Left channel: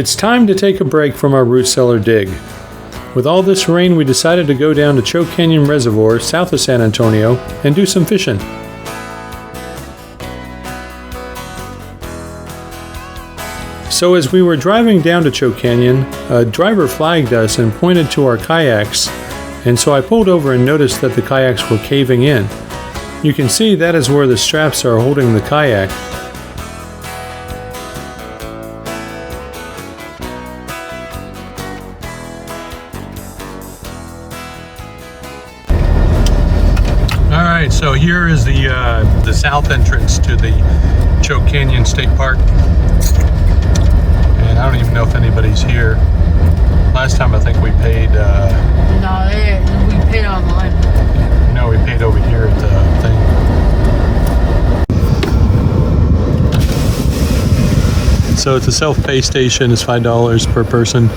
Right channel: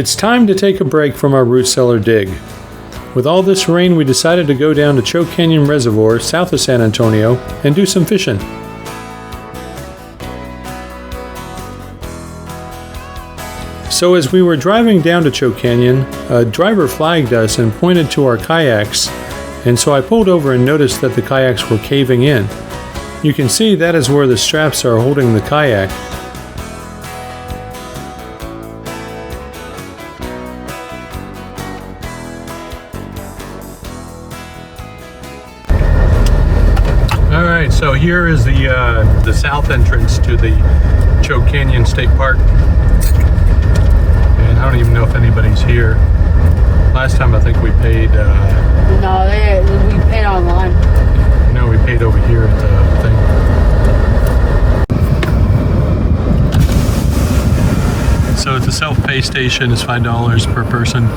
It's time to take a break from our root cellar dig. With all this rain, we decided to go down to Choke Canyon Reservoir south of San Antonio and do some fishing. So as we were driving down to Choke Canyon, a driver flagged us and pointed to our kayaks, and so I pulled over and noticed that the kayaks were caving in. You can see that is where the straps are holding the kayak. Alright, so here is the south entrance to the Choke Canyon State Park. And I don't even know if anybody's here. Last time I think we paid... No, we paid online. No, we paid over here at the thing. So it's a self-pay station. It's $5 per person.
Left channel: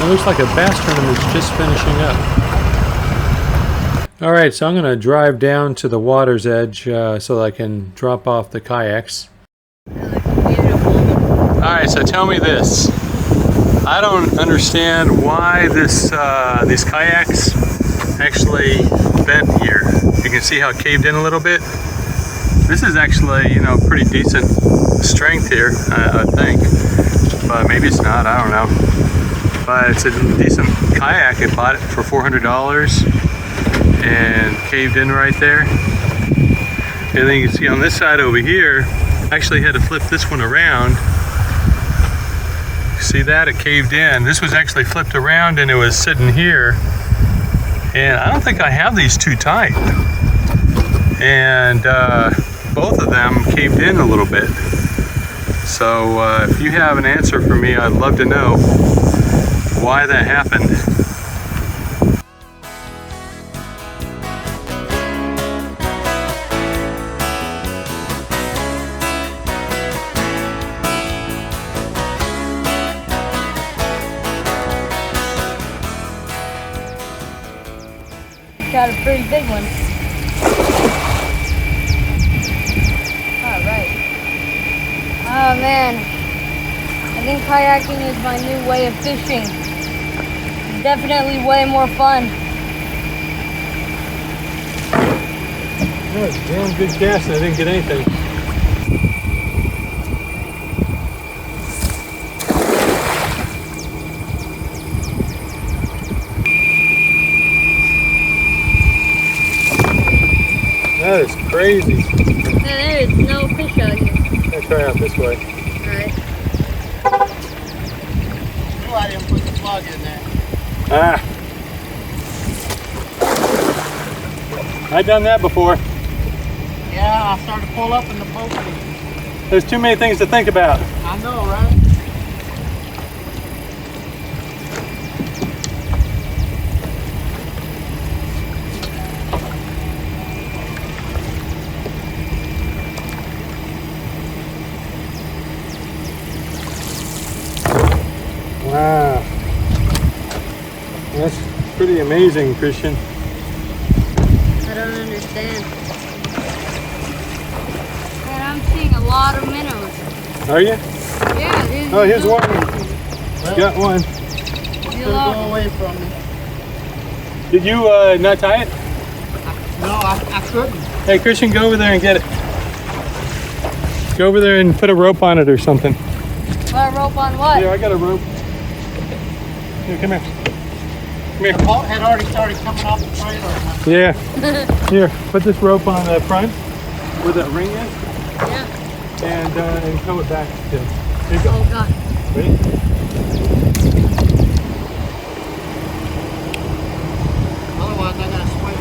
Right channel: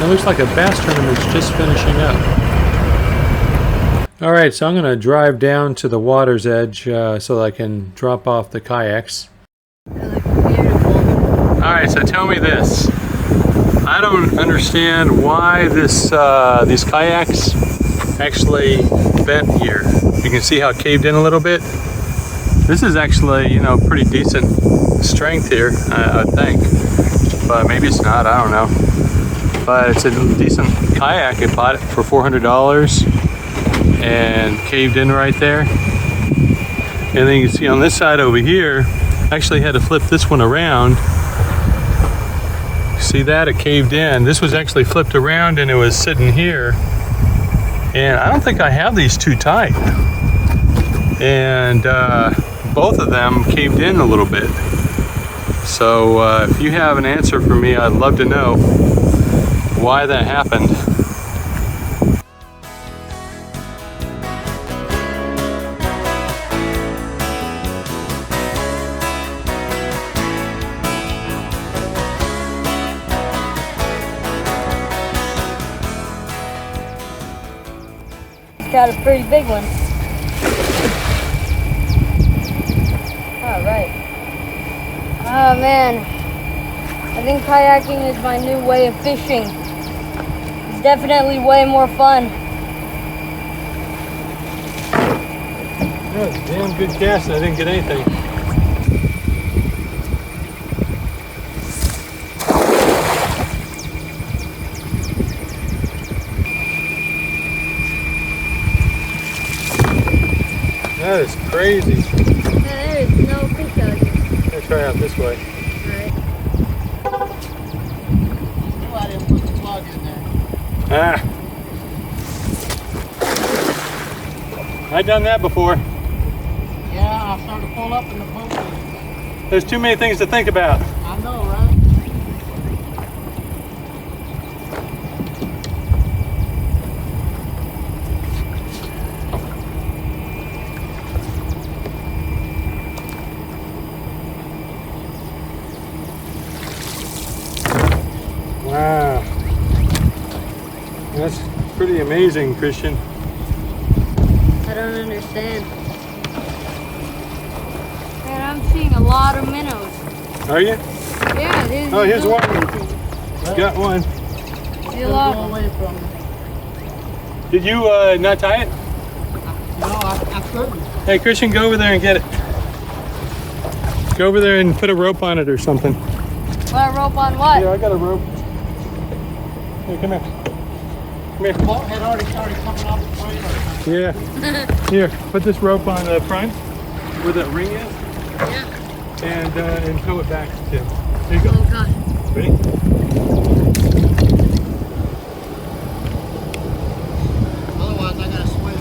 It looks like a bass tournament's just finishing up. Alright, so I'm going to drive down to the water's edge so that I can drop off the kayaks. Alright, so tell me this. I don't understand why these kayaks actually bent here. You can see how it caved in a little bit. This is actually, you know, pretty decent strength here, I think. But maybe it's not, I don't know. But it's a decent kayak. I bought it for $400 and caved in right there. And then you can see on this side over here, I actually had to flip this one around. See that? It caved in. This was actually flipped around and it was sitting here. And I don't think I have these too tight. And both of them caved in a little bit. So if you have an answer for me, I'd love to know why that happened. Got a pretty big one. Alright. Oh man. I think kayaking is my new way of fishing. Definitely way more fun. That was a damn good cast and I didn't get anything. That is crazy. There is no fish out here. I'm gonna try out this way. Ah. I've done that before. Yeah, I started to pull up in the boat. There's too many things to think about. I know, right? Wow. That's pretty amazing, Christian. I don't understand. Man, I'm seeing a lot of minnows. Are you? Yeah, Oh, here's one. Got one. Did you not tie it? No, I couldn't. Hey, Christian, go over there and get it. Go over there and put a rope on it or something. Put a rope on what? Here, I got a rope. Here, come here. Come here. The boat had already started coming off the trailer. Yeah. Here, put this rope on the front where that ring is. Yeah. And tow it back, Tim. Here you go. Oh God. Ready? Otherwise, I'm gonna swim.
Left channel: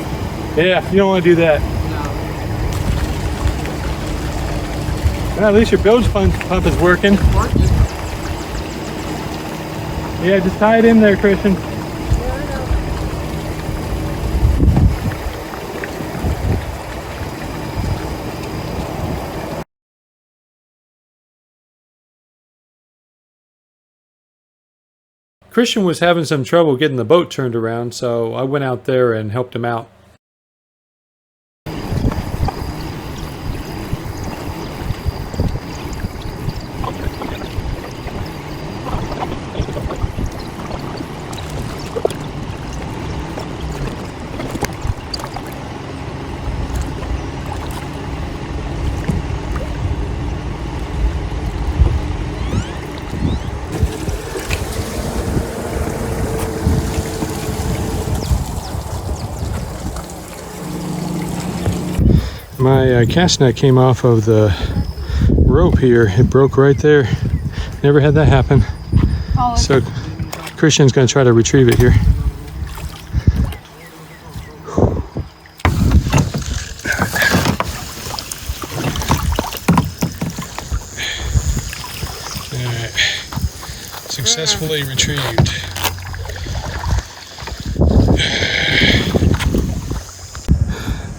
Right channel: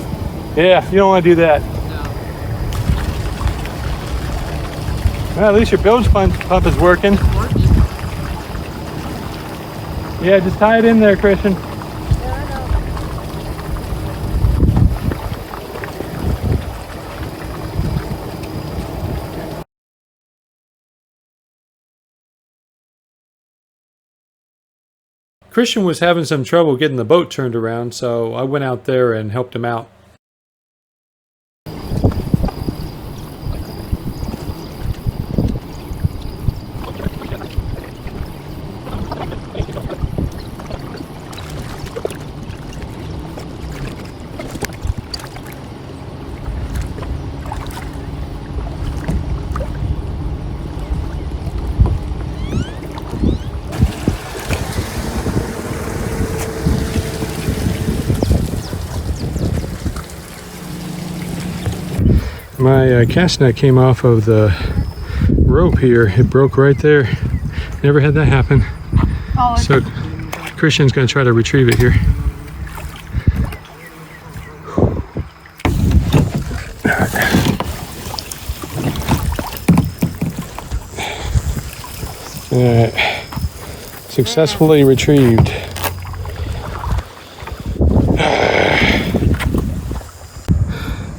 Yeah, you don't want to do that. No. Well, at least your bilge pump is working. Yeah, just tie it in there, Christian. Yeah, I know. Christian was having some trouble getting the boat turned around, so I went out there and helped him out. My cast net came off of the rope here. It broke right there. Never had that happen. Oh, it's So Christian's going to try to retrieve it here. Alright. Successfully retrieved.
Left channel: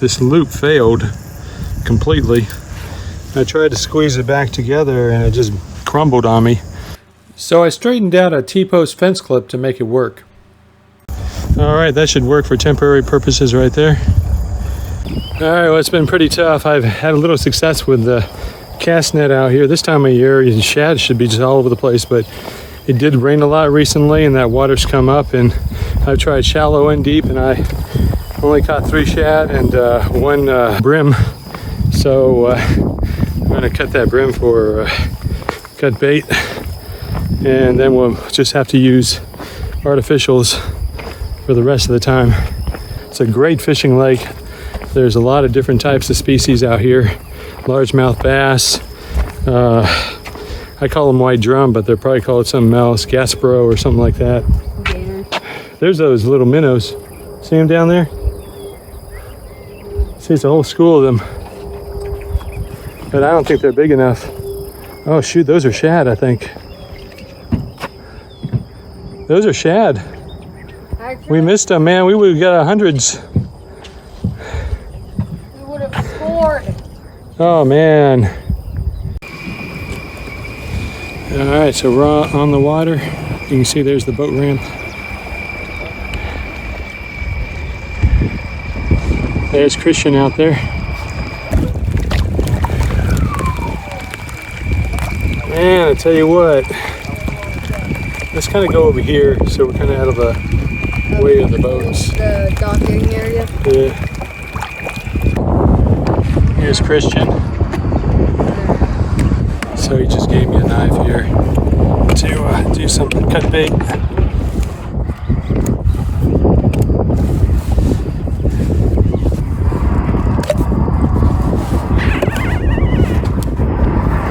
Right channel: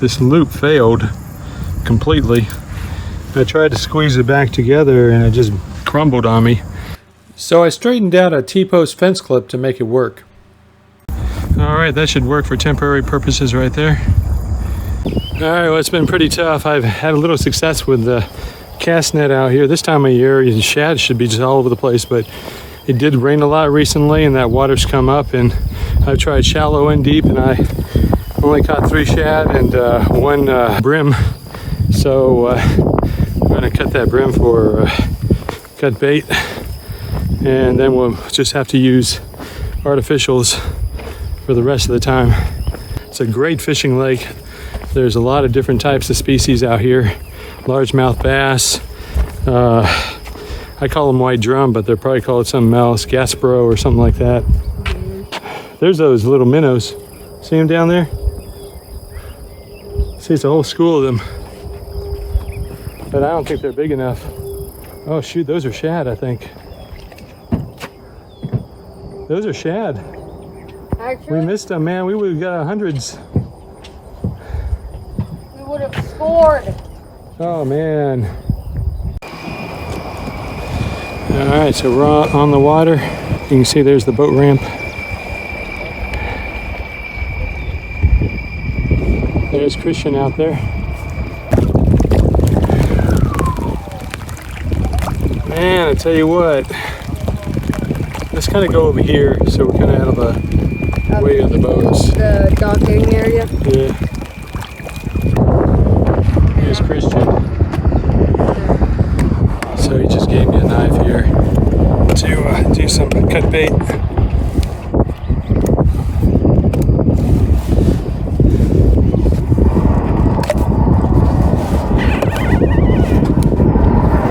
This loop failed completely. I tried to squeeze it back together and it just crumbled on me. So I straightened out a T-post fence clip to make it work. Alright, that should work for temporary purposes right there. Alright, well, it's been pretty tough. I've had a little success with the cast net out here. This time of year, shad should be just all over the place, but it did rain a lot recently and that water's come up, and I've tried shallow and deep, and I only caught 3 shad and 1 brim. So I'm going to cut that brim for cut bait, and then we'll just have to use artificials for the rest of the time. It's a great fishing lake. There's a lot of different types of species out here. Largemouth bass. I call them white drum, but they're probably called something else. Gaspro or something like that. yeah. There's those little minnows. See them down there? See, it's a whole school of them. But I don't think they're big enough. Oh shoot, those are shad, I think. Those are shad. We missed them, man. We would have got hundreds. We would have scored. Oh man. All right, so we're on the water. You can see there's the boat ramp. There's Christian out there. Man, I tell you what, let's kind of go over here so we're kind of out of the way of the boats. The docking area. Yeah. Here's Christian. So he just gave me a knife here to do some cut bait.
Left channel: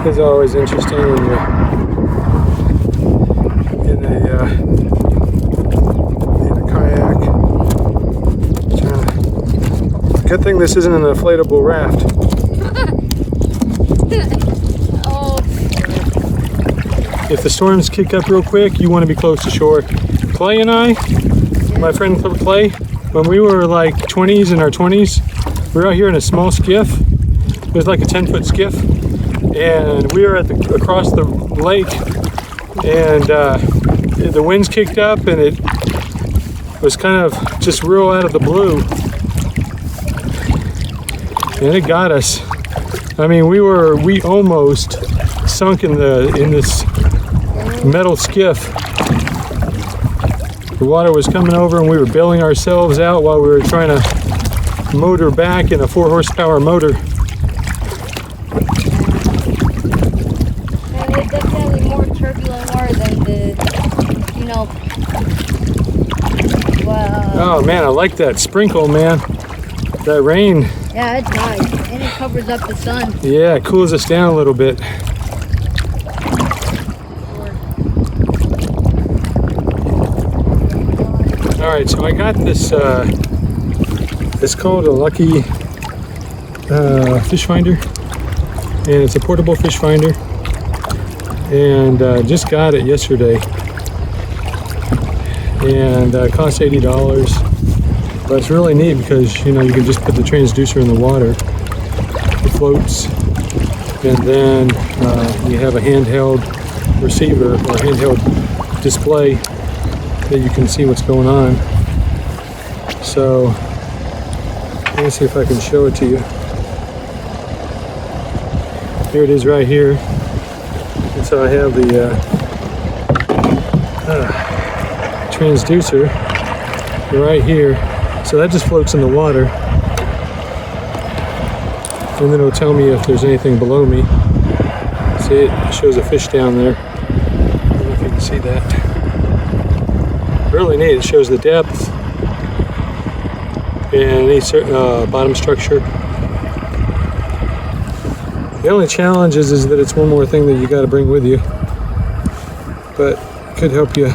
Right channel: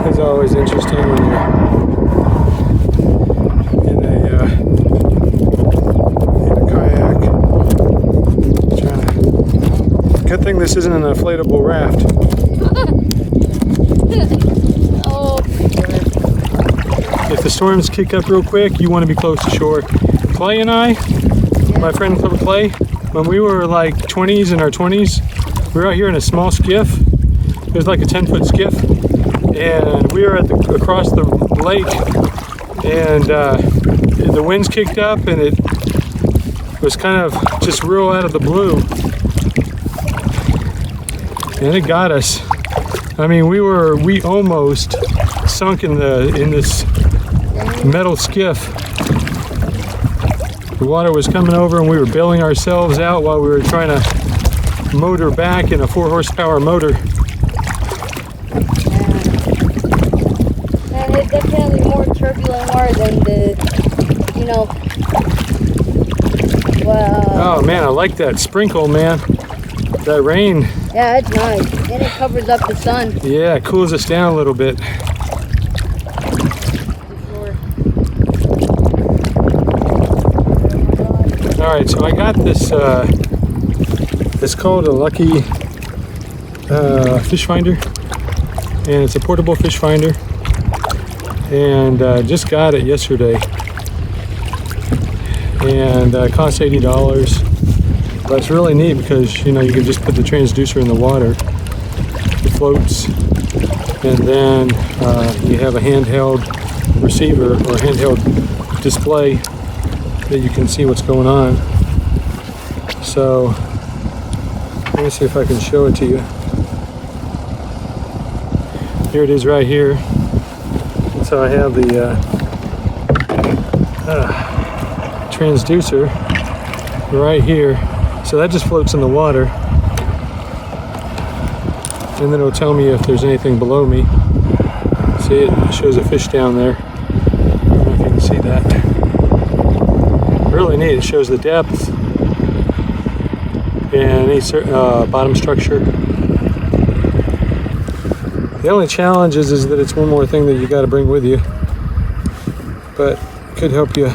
It's always interesting when you're in a kayak. Good thing this isn't an inflatable raft. Oh. If the storms kick up real quick, you want to be close to shore. Clay and I, my friend Clay, when we were like 20s, in our 20s, we were out here in a small skiff. It was like a 10-foot skiff. And we were across the lake, and the winds kicked up, and it was kind of just real out of the blue, and it got us. I mean, we almost sunk in this metal skiff. The water was coming over, and we were bailing ourselves out while we were trying to motor back in a 4-horsepower motor. Oh man, I like that sprinkle, man. That rain, Yeah, it's nice. And it covers up the sun. yeah, it cools us down a little bit. All right, so I got this, it's called a Lucky fish finder, and it's a portable fish finder, and just got it yesterday, and it costs $80, but it's really neat because, you know, you can just put the transducer in the water, it floats, and then you have a handheld receiver or handheld display that you can see what's going on. So let me see if I can show it to you. Here it is right here. And so I have the transducer right here. So that just floats in the water. And then it'll tell me if there's anything below me. See, it shows a fish down there. I don't know if you can see that. Really neat. It shows the depth and any bottom structure. The only challenge is that it's one more thing that you got to bring with you, but it could help you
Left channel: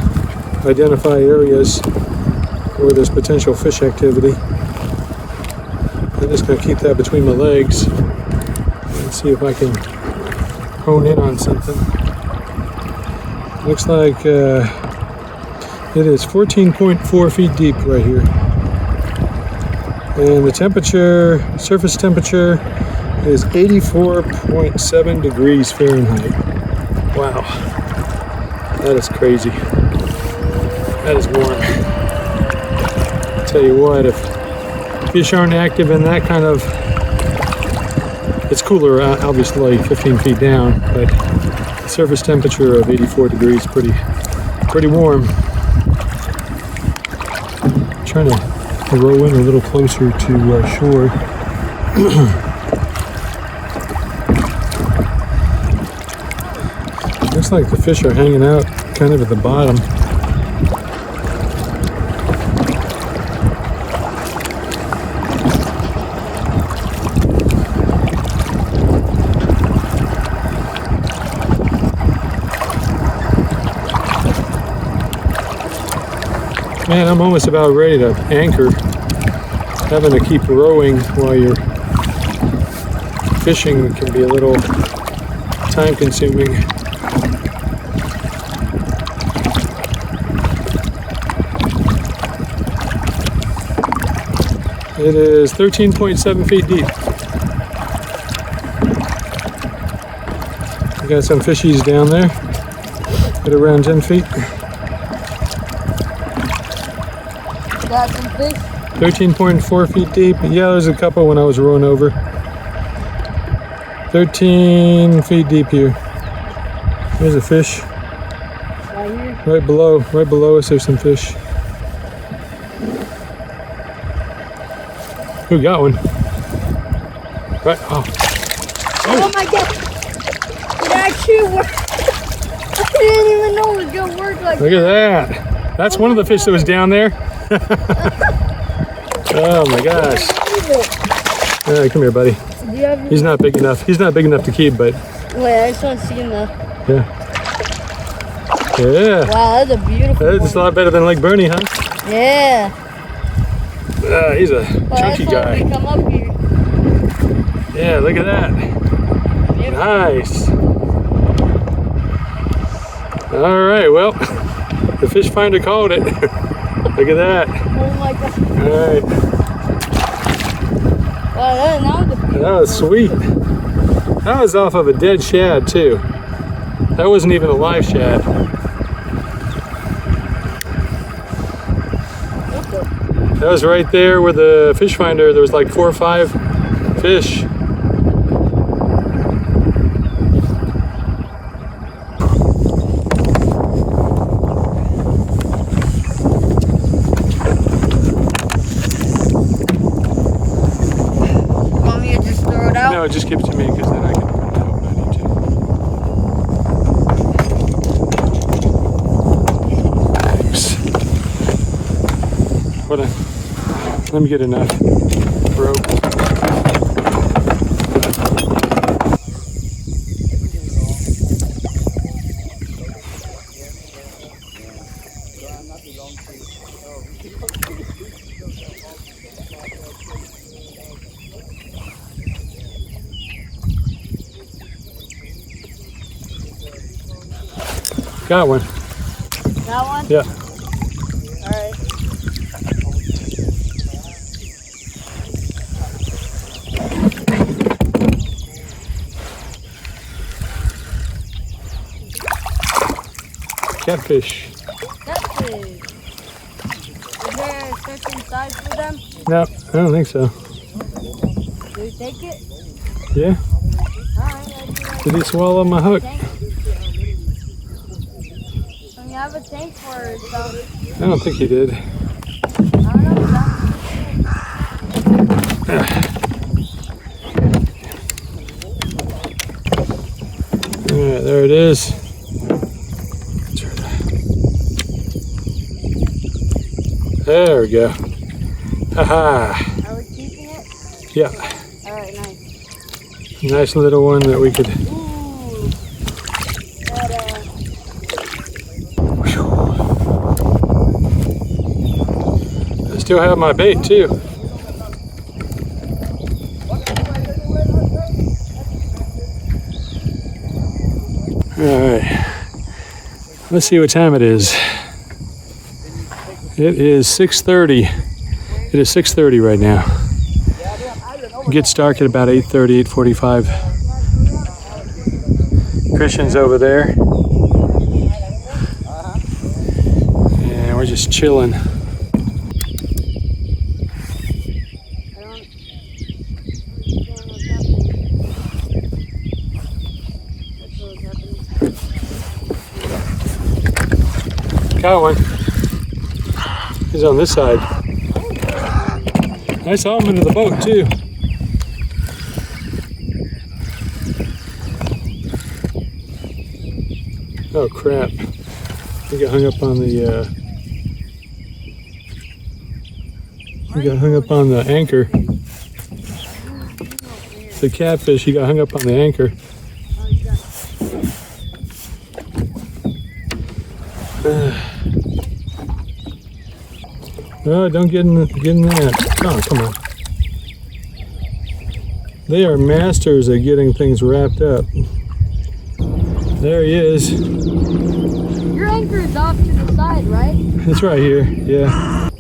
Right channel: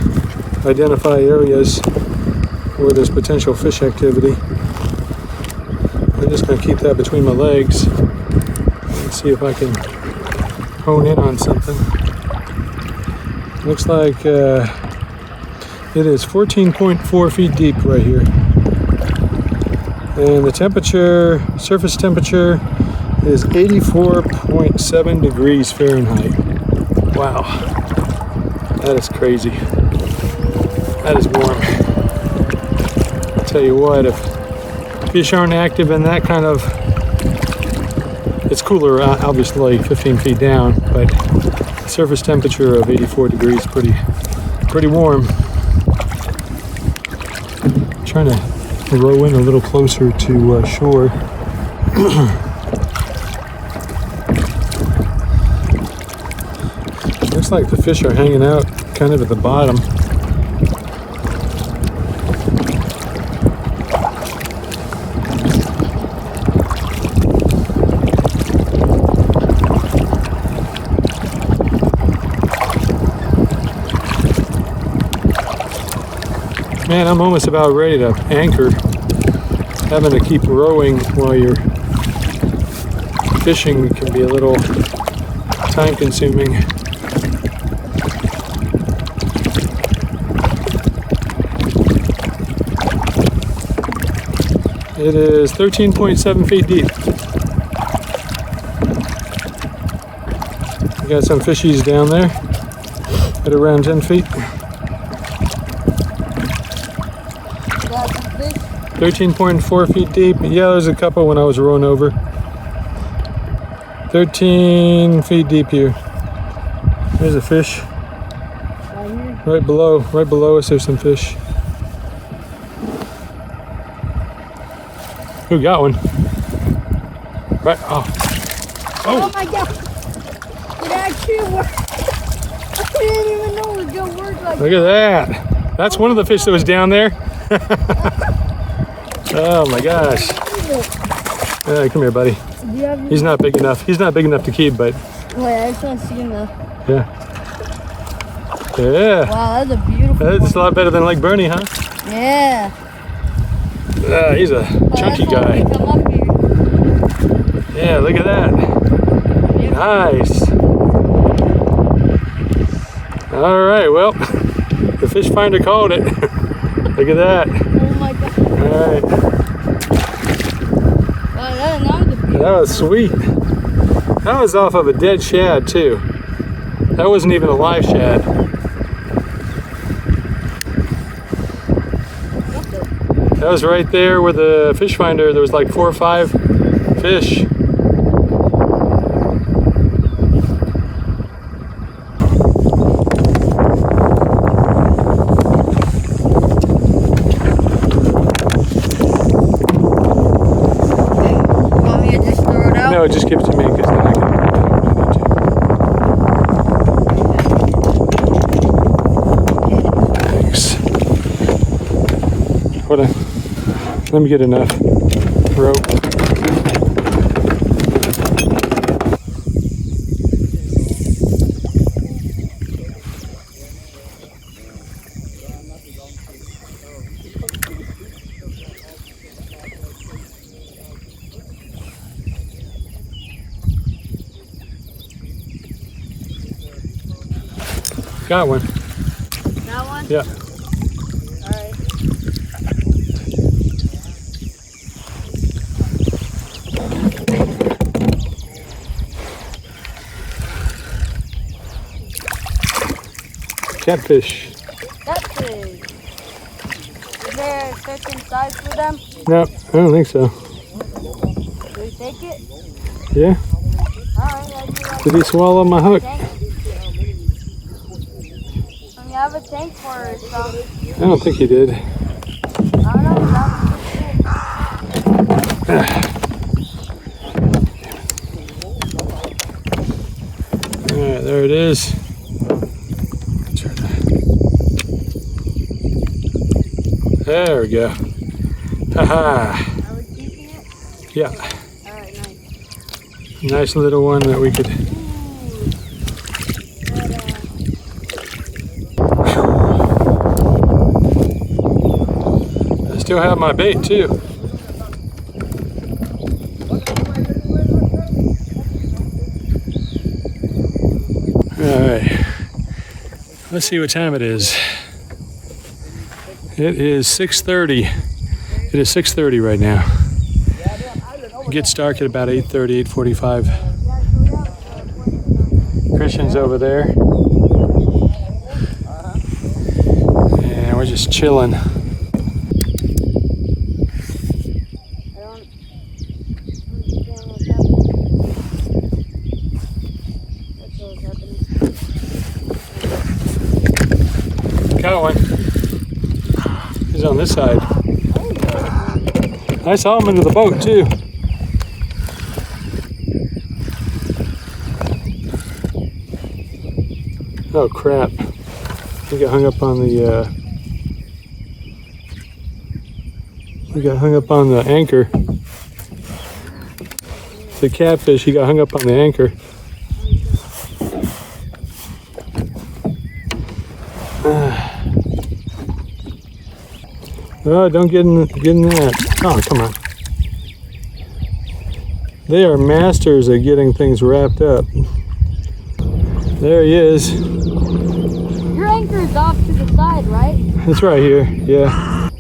identify areas where there's potential fish activity. I'm just going to keep that between my legs and see if I can hone in on something. Looks like it is 14.4 feet deep right here. And the temperature, surface temperature, is 84.7 degrees Fahrenheit. Wow. That is crazy. That is warm. I'll tell you what, if fish aren't active in that kind of, it's cooler obviously 15 feet down, but surface temperature of 84 degrees, pretty warm. I'm trying to row in a little closer to shore. Looks like the fish are hanging out kind of at the bottom. Man, I'm almost about ready to anchor. Having to keep rowing while you're fishing can be a little time consuming. It is 13.7 feet deep. We got some fishies down there at around 10 feet. Got some fish. 13.4 feet deep. Yeah, there's a couple when I was rowing over. 13 feet deep here. There's a fish. Right here. Right below us there's some fish. Who got one? Right, oh. Oh my god! It actually worked. I didn't even know it was gonna work like Look at that. That's one of the fish that was down there. Oh my gosh. Come here, buddy. He's not big enough. He's not big enough to keep, but. Wait, I just want to see him though. Yeah. Yeah. Wow, that's a beautiful That's a lot better than Lake Bernie, huh? Yeah. He's a chunky that's why guy. we come up here. Yeah, look at that. Yep. Nice. All right, well, the fish finder called it. Look at that. Oh my god. All right. Wow, That was sweet. That was off of a dead shad too. That wasn't even a live shad. That was right there where the fish finder, there was like 4 or 5 fish. Want me to just throw it out? No, just give it to me because then I can. Thanks. Hold on. Let me get enough. rope. Got one. That one? Yeah. Alright. Catfish. Catfish. Is there a certain size for them? No, I don't think so. Do you take it? Yeah. Alright, Did he swallow my hook? I have a tank for some. I don't think he did. I don't know. Alright, there it is. There we go. Haha. I was keeping it? Yeah. Alright, nice. Nice little one that we could. I still have my bait too. Alright. Let's see what time it is. It is 6:30. It is 6:30 right now. It gets dark at about 8:30, 8:45. Christian's over there. And we're just chilling. Got one. He's on this side. I saw him into the boat too. Oh crap. He got hung up on the anchor. The catfish, he got hung up on the anchor. Oh, don't get in that. Oh, come on. They are masters at getting things wrapped up. There he is. Your anchor is off to the side, right? It's right here, yeah.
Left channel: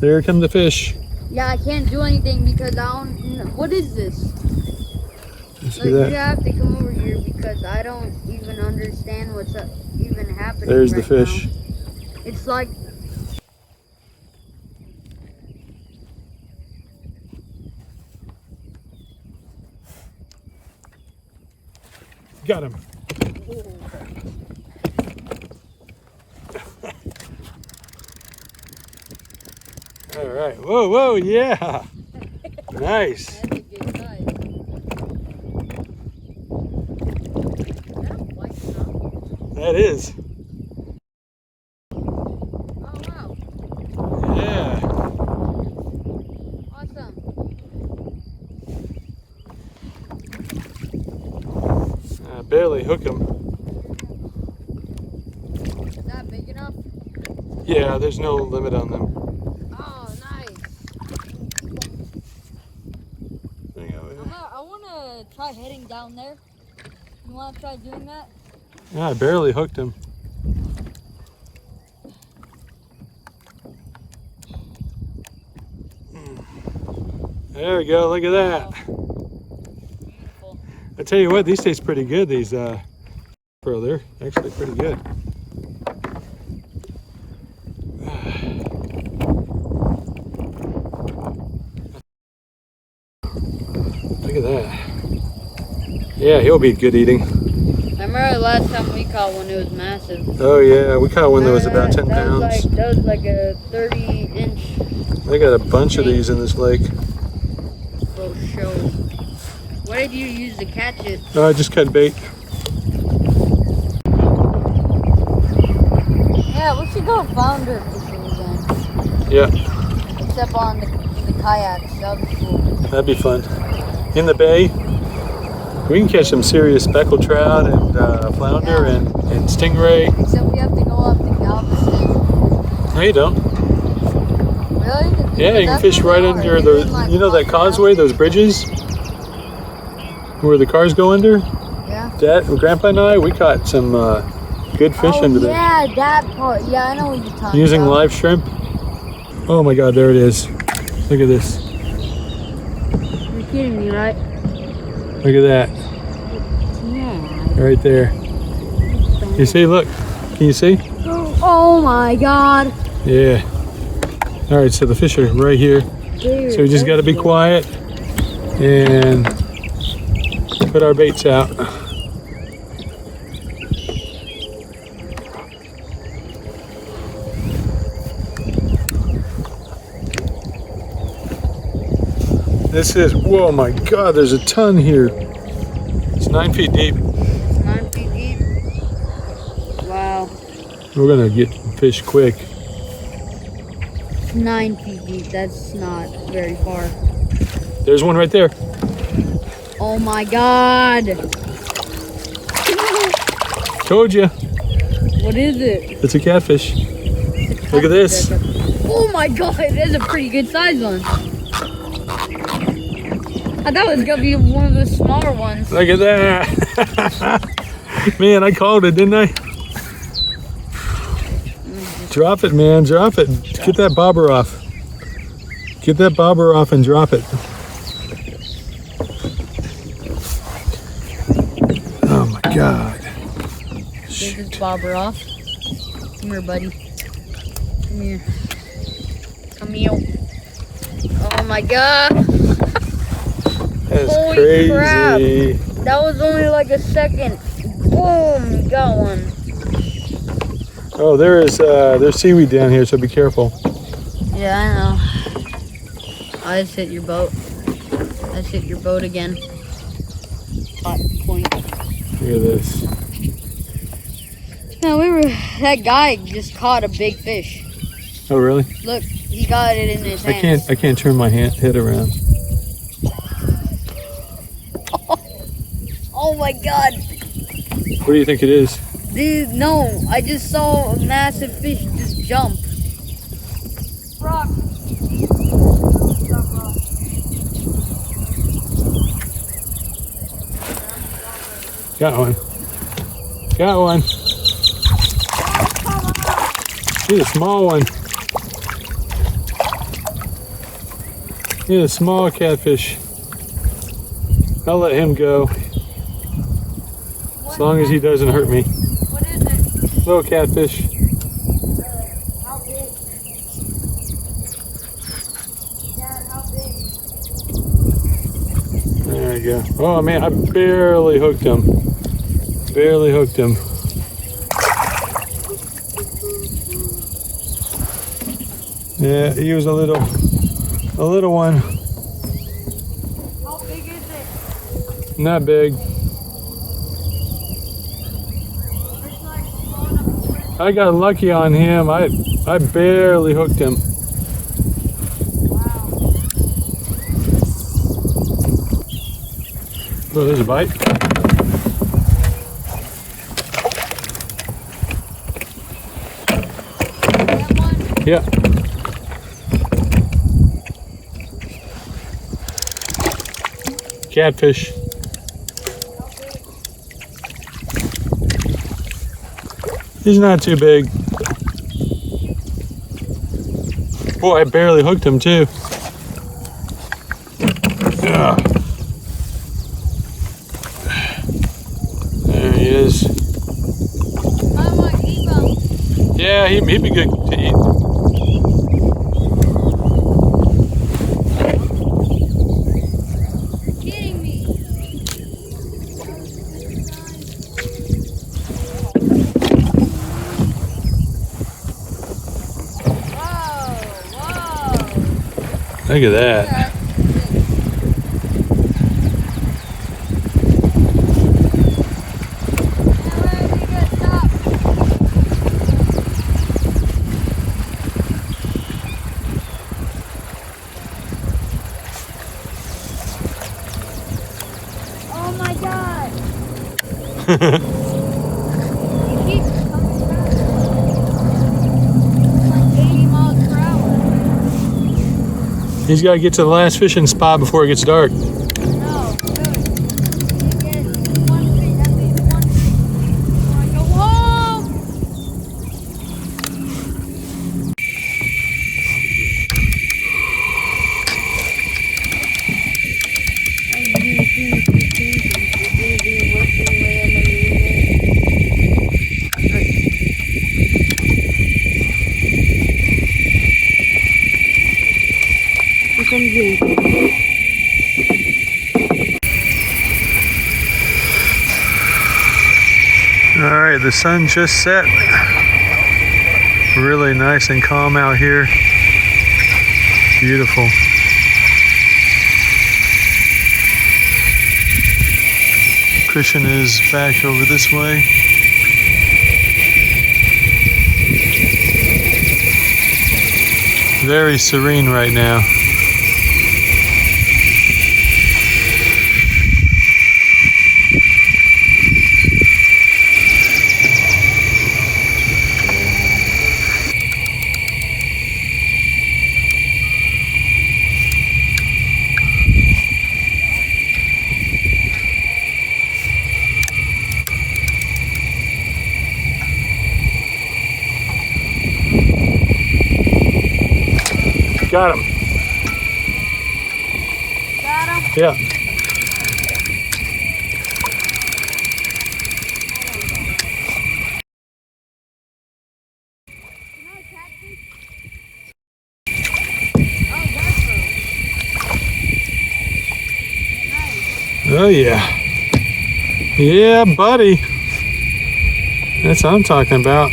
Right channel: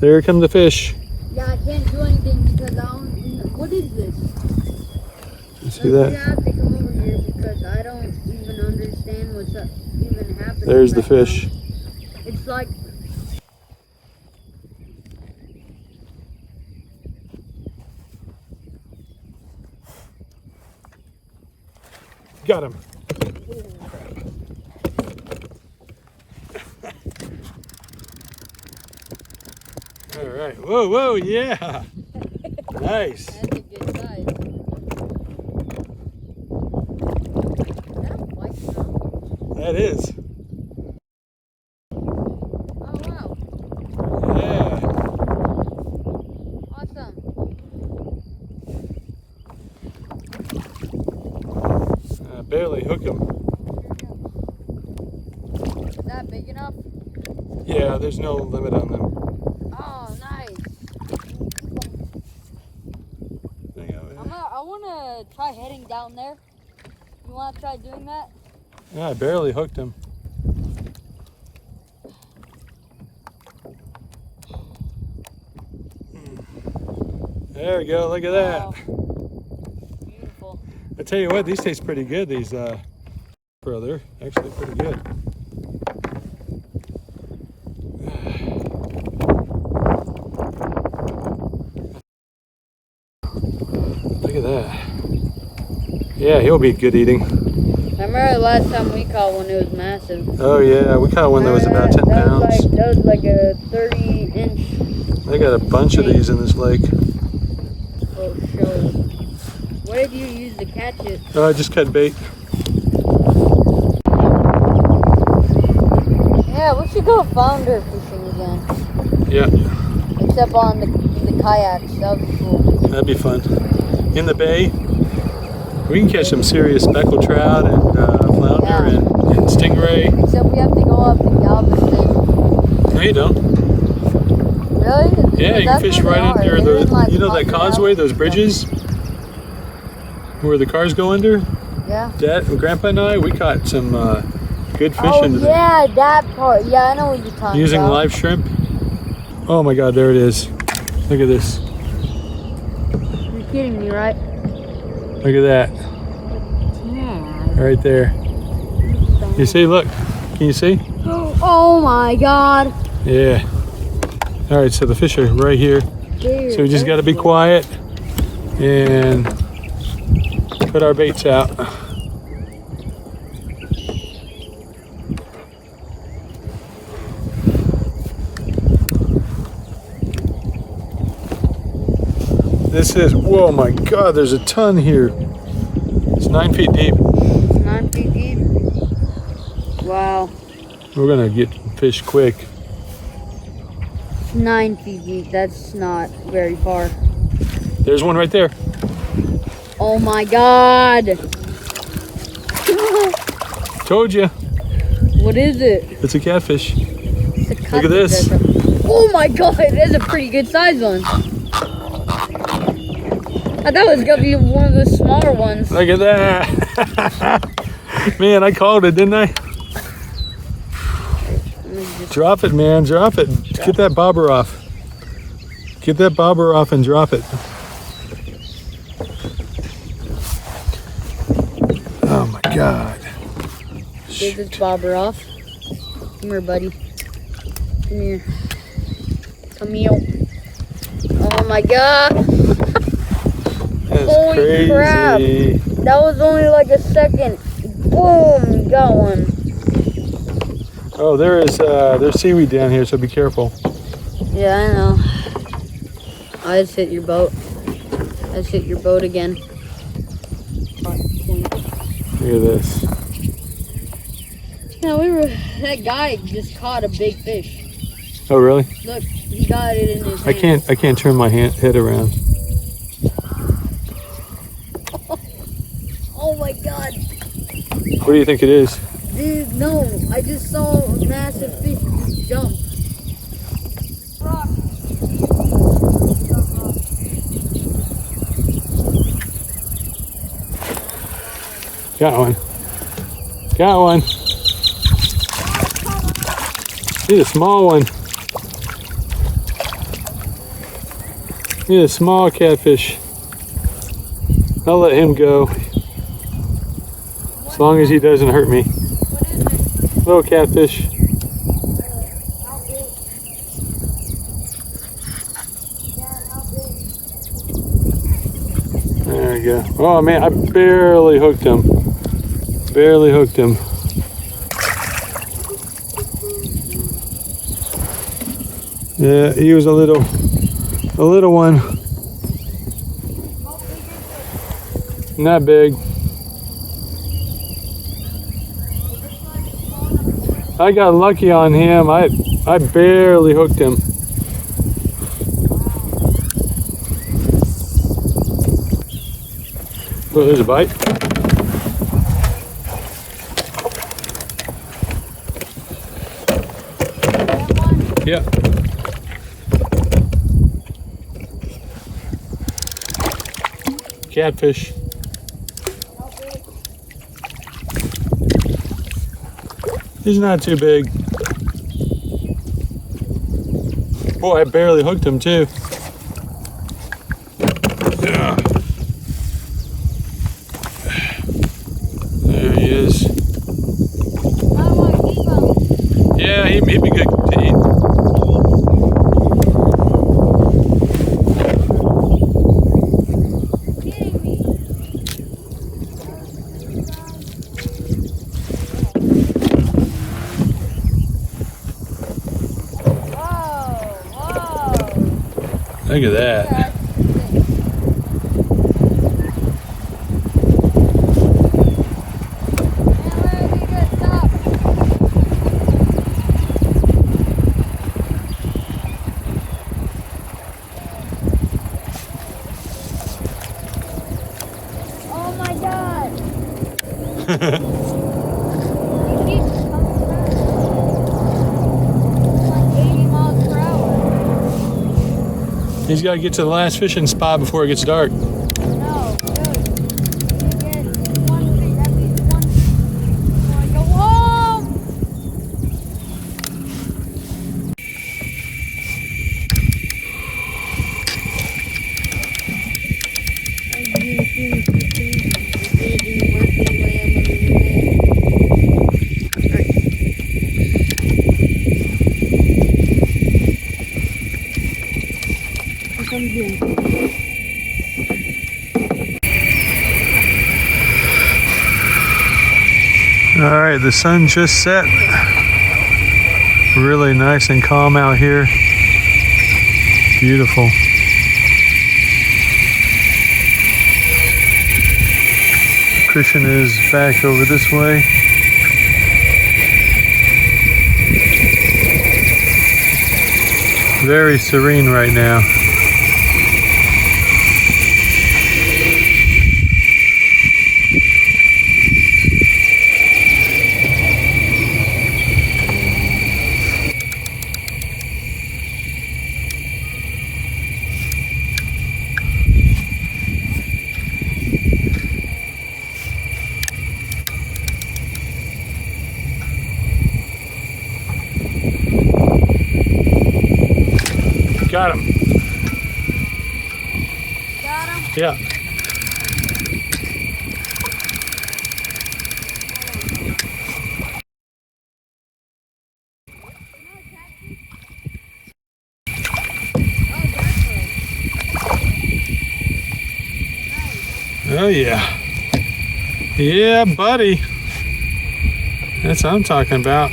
There come the fish. Yeah, I can't do anything because I don't. What is this? You see Like, you that? have to come over here because I don't even understand what's even happening. There's the right fish. now. It's like. Got him. All right. Whoa, whoa, yeah. Nice. That is. Yeah. I barely hook him. Is that big enough? Yeah, there's no limit on them. Oh, nice. I want to try heading down there. You want to try doing that? Yeah, I barely hooked him. There we go, look at that. Wow. Beautiful. I tell you what, these taste pretty good, these bro, they're actually pretty good. Look at that. Yeah, he'll be good eating. I remember the last time we caught one, it was massive. Oh yeah, we caught one that was about 10 pounds. That was like a 30-inch. They got a bunch of these in this lake. For show. What did you use to catch it? Oh, I just cut bait. Yeah, we should go flounder fishing again. Yeah. Except on the kayaks. That would be cool. That'd be fun. In the bay, we can catch some serious speckled trout and flounder and stingray. Except we have to go up the Galveston. No, you don't. Really? Yeah, you can fish right under the, you know that causeway, those bridges? Where the cars go under? Yeah. Dad, Grandpa and I, we caught some good fish under there. Yeah, that part. Yeah, I know what you're talking Using about. live shrimp. Oh my God, there it is. Look at this. You're kidding me, right? Look at that. Yeah. Right there. You see, look. Can you see? Oh my God. Yeah. All right, so the fish are right here. Dude, So we just got to be quiet and put our baits out. This is, whoa my God, there's a ton here. It's 9 feet deep. 9 feet deep. Wow. We're gonna get fish quick. 9 feet deep. That's not very far. There's one right there. Oh my God. Told you. What is it? It's a catfish. It's a Look at this. Oh my God, that's a pretty good size one. I thought it was gonna be one of the smaller ones. Look at that. Man, I called it, didn't I? Drop it, man, drop it. Get that bobber off. Get that bobber off and drop it. Oh my God. Get this bobber off. Come here, buddy. Come here. Come here. Oh my God. That's Holy crazy. crap. That was only like a second. Boom, got one. Oh, there's seaweed down here, so be careful. Yeah, I know. I just hit your boat. I just hit your boat again. Hot point. Look at this. No, that guy just caught a big fish. Oh, really? Look, he got it in his hand. I can't turn my head around. Oh my God. What do you think it is? Dude, no, I just saw a massive fish just jump. Got one. Got one. He's a small one. He's a small catfish. I'll let him go. As long as he doesn't hurt me. Little catfish. There we go. Oh man, I barely hooked him. Barely hooked him. Yeah, he was a little one. Not big. I got lucky on him. I barely hooked him. Oh, there's a bite. Yeah. Catfish. He's not too big. Boy, I barely hooked him too. Ah. There he is. Yeah, he'd be good to eat. Look at that. He's got to get to the last fishing spot before it gets dark. All right, the sun just set. Really nice and calm out here. Beautiful. Christian is back over this way. Very serene right now. Got him. Yeah. Oh yeah. Yeah, buddy. That's what I'm talking about.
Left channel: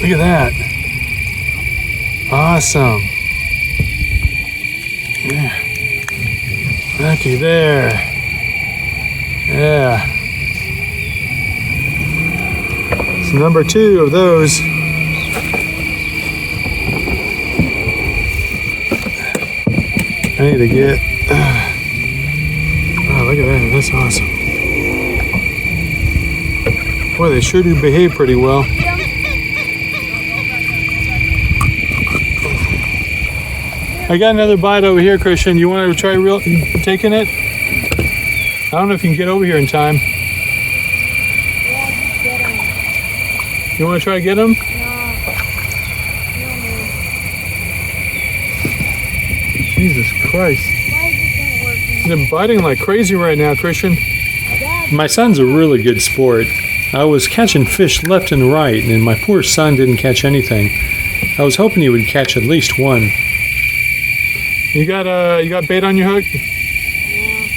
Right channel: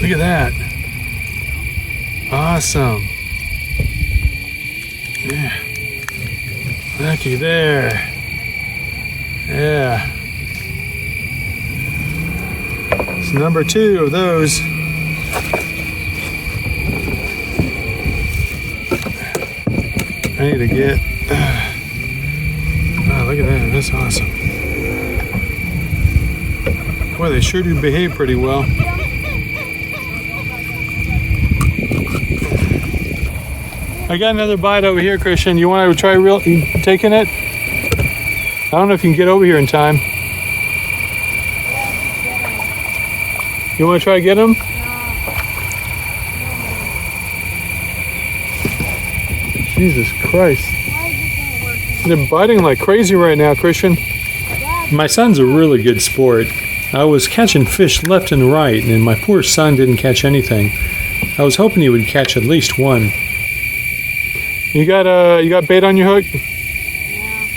Look at that. Awesome. Yeah. Looky there. Yeah. It's number 2 of those. I need to get. Oh, look at that. That's awesome. Boy, they sure do behave pretty well. I got another bite over here, Christian. You want to try taking it? I don't know if you can get over here in time. Yeah, just get him. You want to try to get him? No. Jesus Christ. Why is this not working? They're biting like crazy right now, Christian. Dad, My son's a really good sport. I was catching fish left and right, and my poor son didn't catch anything. I was hoping he would catch at least one. You got bait on your hook? yeah.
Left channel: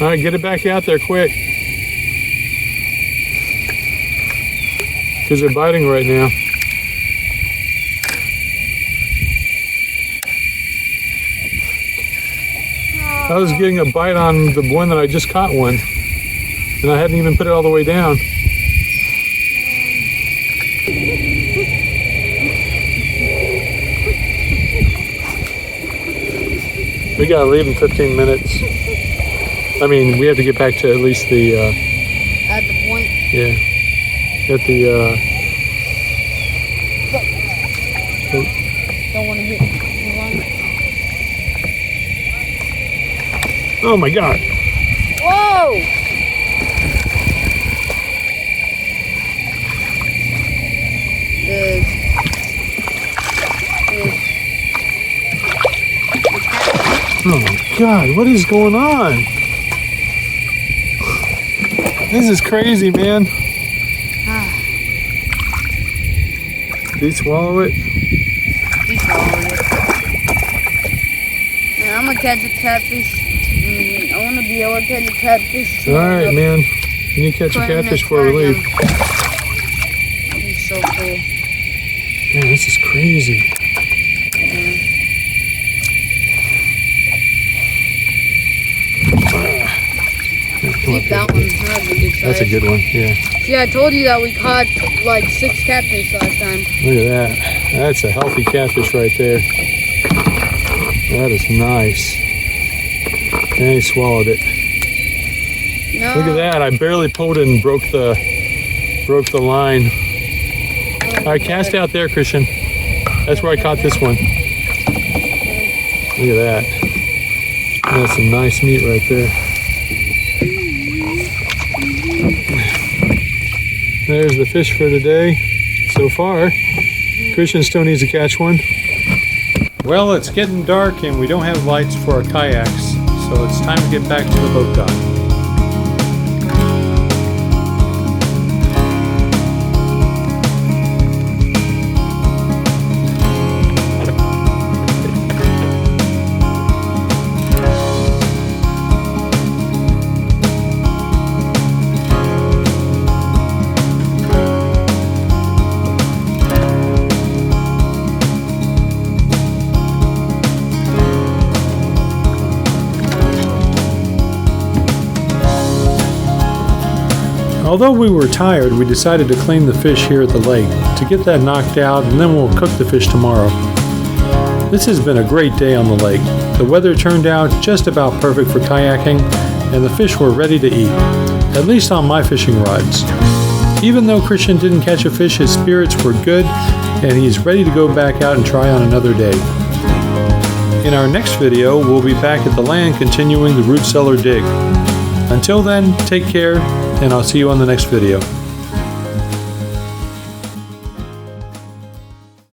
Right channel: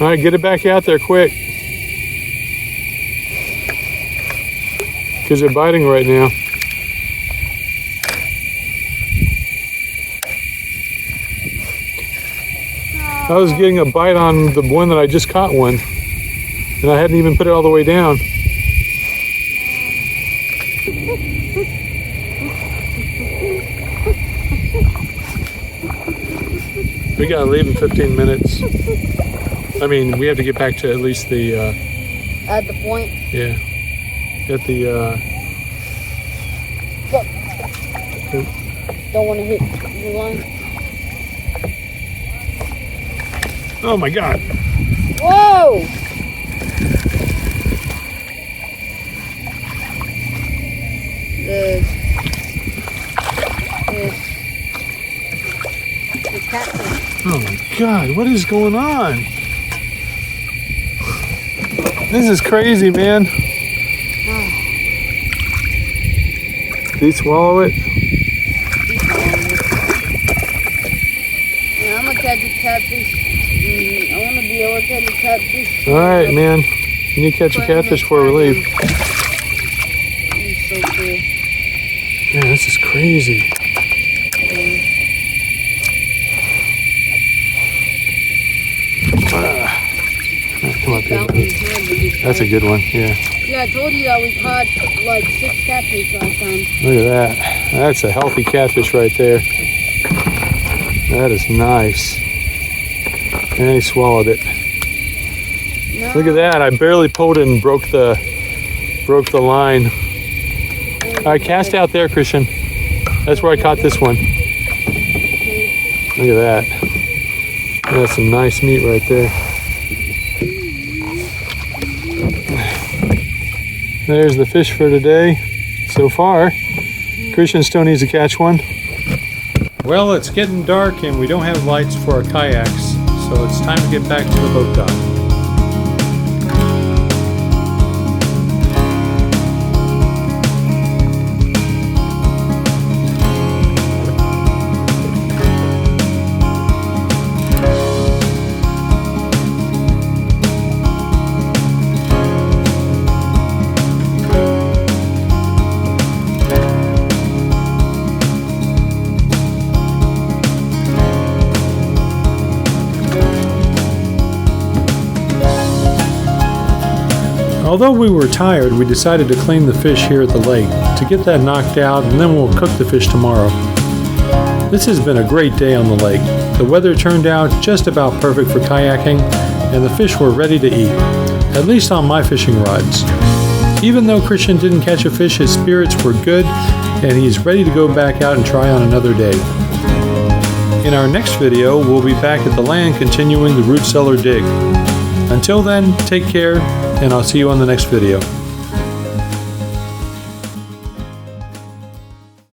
All right, get it back out there quick. Because they're biting right now. I was getting a bite on the one that I just caught one. And I hadn't even put it all the way down. We gotta leave in 15 minutes. I mean, we have to get back to at least the, At the point. yeah, at the, Don't want to hit you one. oh my God. Whoa! Oh my God, what is going on? This is crazy, man. Did you swallow it? And I'm gonna catch a catfish. I want to be able to catch a catfish. All right, man. You need to catch a catfish before we leave. It's so cool. Man, this is crazy. Come up That here. one's hard to get. That's a good one, yeah. Yeah, I told you that we caught like 6 catfish last time. Look at that. That's a healthy catfish right there. That is nice. And he swallowed it. No. Look at that! I barely pulled it and broke the line. Oh, All right, cast out there, Christian. That's where I caught this one. Look at that. That's some nice meat right there. There's the fish for today so far. Christian still needs to catch one. Well, it's getting dark and we don't have lights for our kayaks, so it's time to get back to the boat dock. Although we were tired, we decided to clean the fish here at the lake to get that knocked out, and then we'll cook the fish tomorrow. This has been a great day on the lake. The weather turned out just about perfect for kayaking, and the fish were ready to eat, at least on my fishing rods. Even though Christian didn't catch a fish, his spirits were good, and he's ready to go back out and try on another day. In our next video, we'll be back at the land continuing the root cellar dig. Until then, take care, and I'll see you on the next video.